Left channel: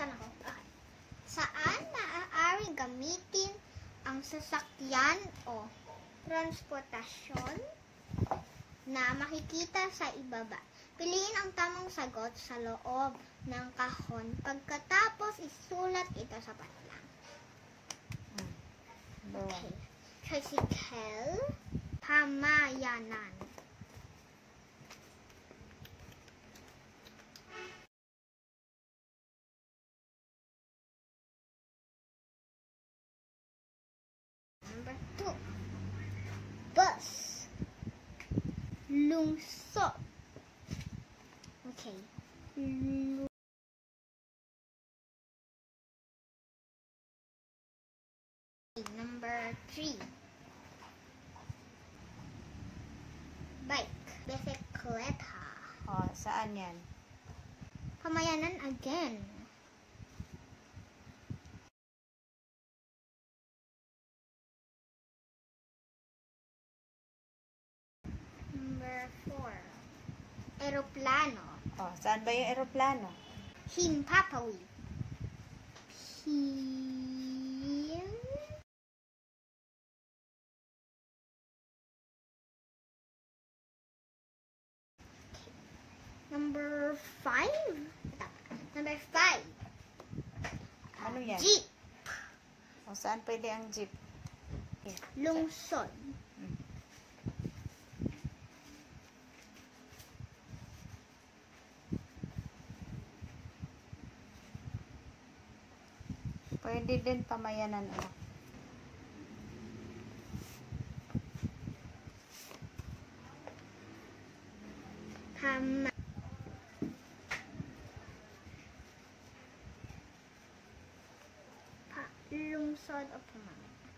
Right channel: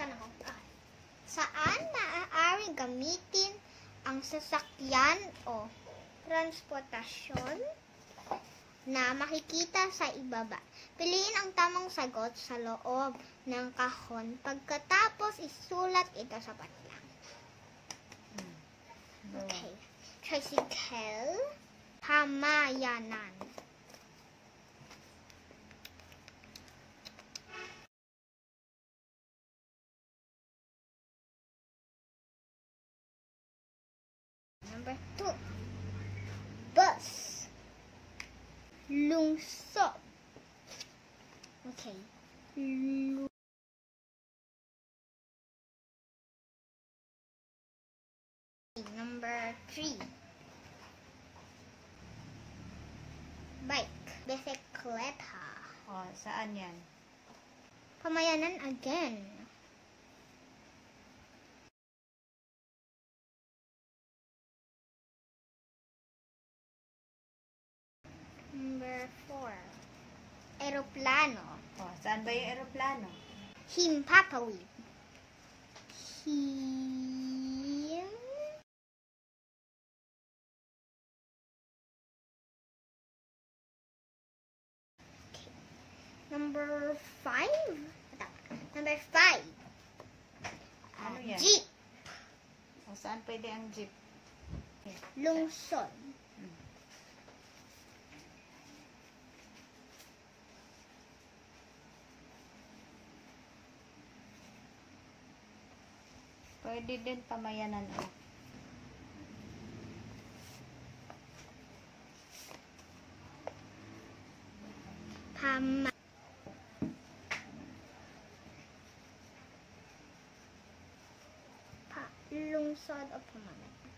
Saan ako? Okay. Saan maaari gamitin ang sasakyan o transportasyon na makikita sa ibaba? Piliin ang tamang sagot sa loob ng kahon. Pagkatapos, isulat ito sa patlang. Okay. Tricycle, pamayanan. Number 2. Bus. Lungsod. Okay. Number 3. Bike. Bisikleta. Oh, saan yan? Pamayanan again. Number 4. Aeroplano. Oh, saan ba yung eroplano? Himpapawid. Number 5. Number 5. Ano yan? Jeep. O, saan pwede ang jeep? Lungsod. Pwede din pamayanan. Lungsod o pamayanan.